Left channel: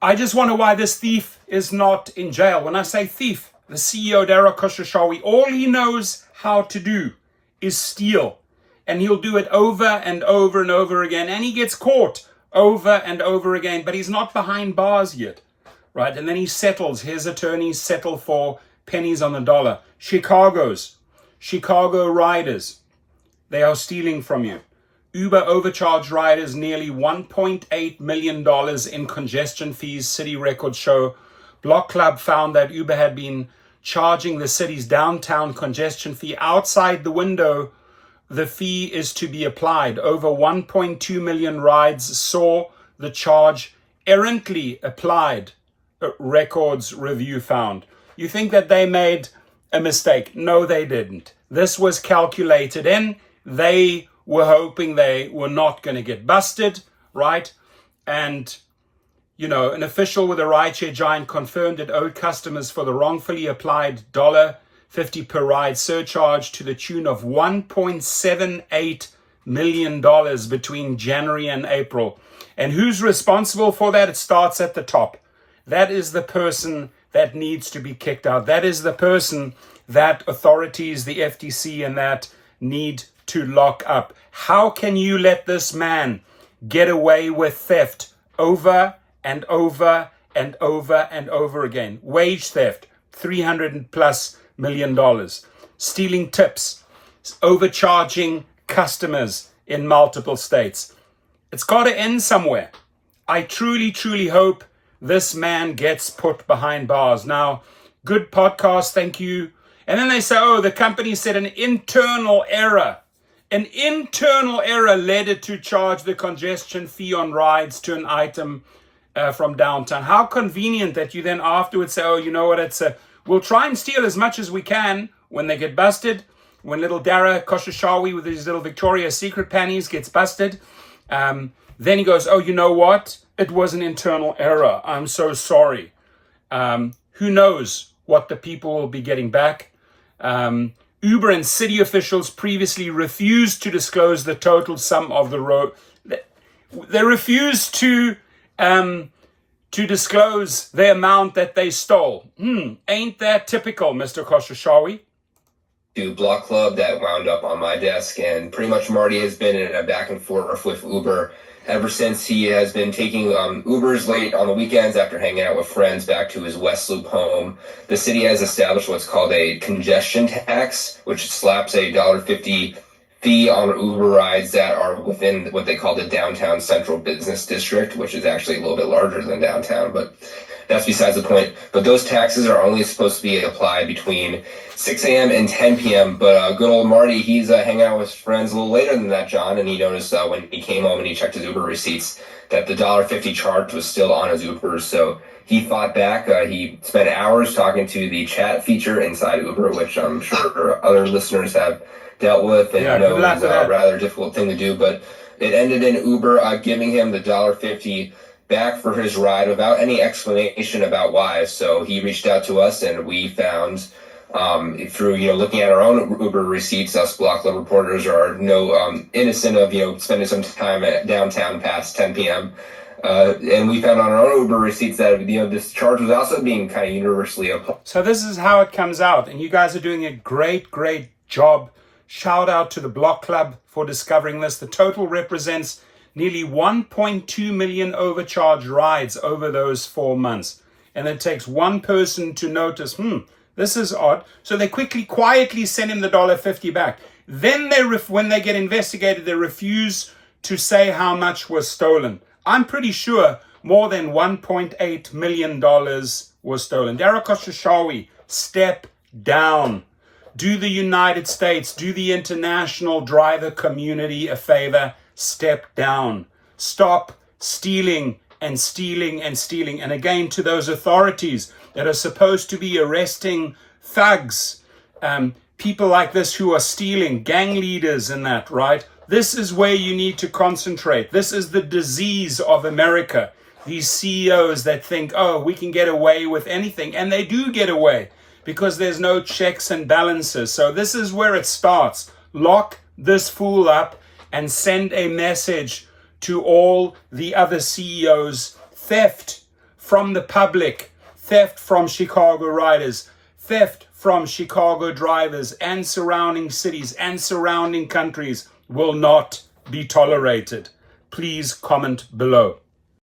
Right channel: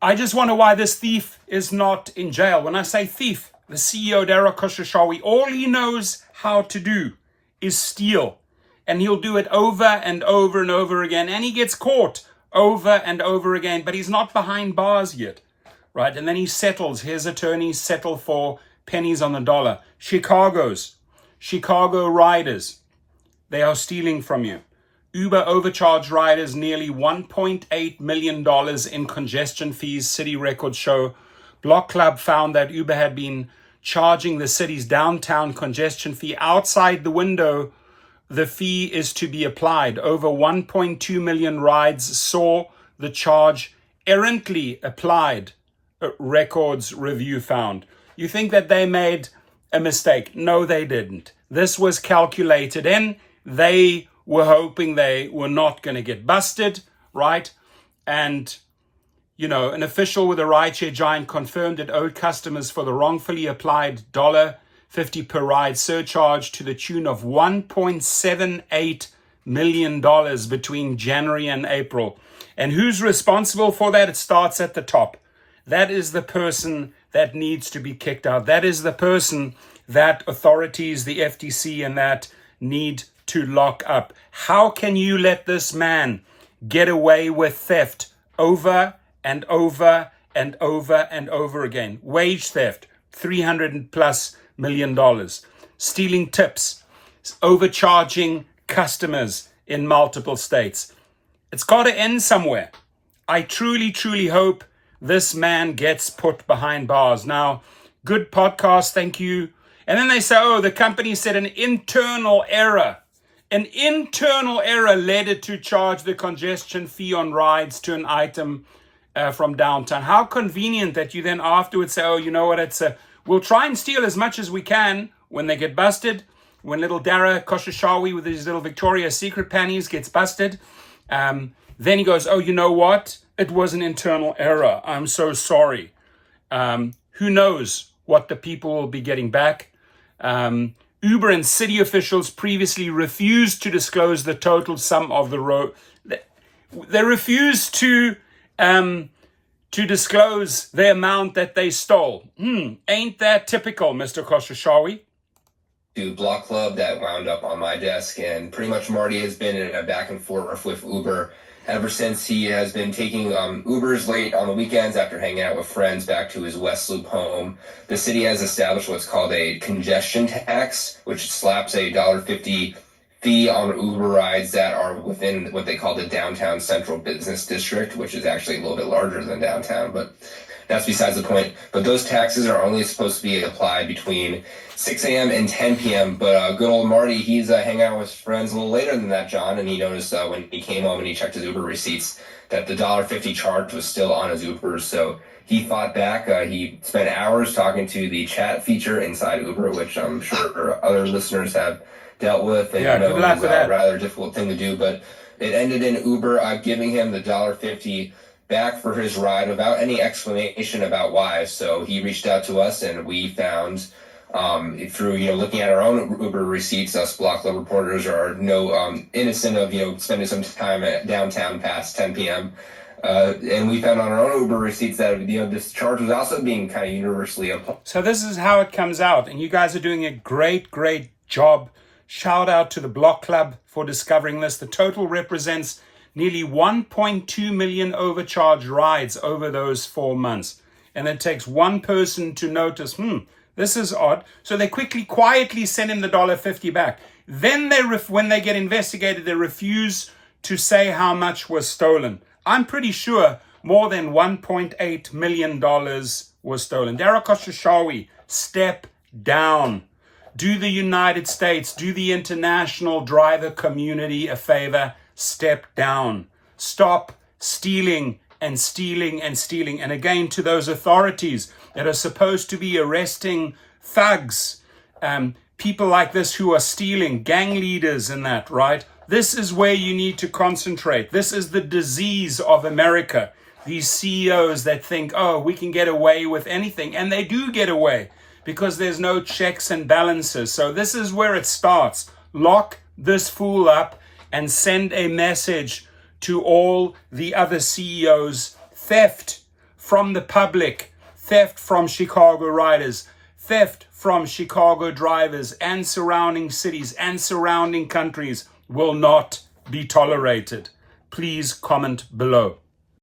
I just wonder why this thief is not in jail. When I say thief, the CEO, Dara Khosrowshahi, all he knows how to do is steal. And he'll do it over and over and over again. And he gets caught over and over again. But he's not behind bars yet, right? And then he settles. His attorneys settle for pennies on the dollar. Chicago riders, they are stealing from you. Uber overcharged riders nearly $1.8 million in congestion fees, city records show. Block Club found that Uber had been charging the city's downtown congestion fee outside the window the fee is to be applied. Over 1.2 million rides saw the charge errantly applied, records review found. You think that they made a mistake? No, they didn't. This was calculated in. They were hoping they were not going to get busted, right? And, you know, an official with a rideshare giant confirmed it owed customers for the wrongfully applied $1.50 per ride surcharge to the tune of $1.78 million between January and April. And who's responsible for that? It starts at the top. That is the person that needs to be kicked out. That is the person that authorities, the FTC and that, need to lock up. How can you let this man get away with theft over and over and over and over again? Wage theft, $300+ million. Stealing tips, overcharging customers in multiple states. It's got to end somewhere. I truly, truly hope this man gets put behind bars. Now, good podcast, thank you. And then they say, oh, the company said an internal error. An internal error led it to charge the congestion fee on rides to an item from downtown. How convenient that you then afterwards say, oh, you know what, we'll try and steal as much as we can when they get busted. When little Dara Khosrowshahi with his little Victoria's Secret panties gets busted, then he goes, oh, you know what? It was an internal error. I'm so sorry. Who knows what the people will be getting back? Uber and city officials previously refused to disclose the total sum of the road. They refused to disclose the amount that they stole. Ain't that typical, Mr. Khosrowshahi? To Block Club that wound up on my desk, and pretty much Marty has been in a back and forth with Uber ever since he has been taking Ubers late on the weekends after hanging out with friends back to his West Loop home. The city has established what's called a congestion tax, which slaps a $1.50 fee on Uber rides that are within what they call the downtown central business district, which is actually a little bit larger than downtown, but that's besides the point. But those taxes are only supposed to be applied between 6 a.m. and 10 p.m. But good old Marty, he's hanging out with friends a little later than that, John, and he noticed when he came home and he checked his Uber receipts that the $1.50 charge was still on his Uber. So he fought back. He spent hours talking to the chat feature inside Uber, which I'm sure other listeners have dealt with, and you know, it was a rather difficult thing to do. But it ended in Uber giving him the $1.50 back for his ride without any explanation about why. So he reached out to us, and we found through looking at our own Uber receipts, us Block Club reporters are no innocent of spending some time at downtown past 10 p.m. And we found on our own Uber receipts that this charge was also being kind of universally applied. So this is how it comes out, and you guys are doing a great job. Shout out to the Block Club for discovering this. The total represents nearly 1.2 million overcharged rides over those 4 months. And it takes one person to notice, this is odd. So they quietly send him the $1.50 back. Then when they get investigated, they refuse to say how much was stolen. I'm pretty sure more than $1.8 million was stolen. Dara Khosrowshahi, step down. Do the United States, do the international driver community a favor. Step down. Stop stealing and stealing and stealing. And again, to those authorities that are supposed to be arresting thugs, people like this who are stealing, gang leaders and that, right? This is where you need to concentrate. This is the disease of America. These CEOs that think, oh, we can get away with anything. And they do get away because there's no checks and balances. So this is where it starts. Lock this fool up and send a message to all the other CEOs. Theft, from the public, theft from Chicago riders, theft from Chicago drivers and surrounding cities and surrounding countries will not be tolerated. Please comment below.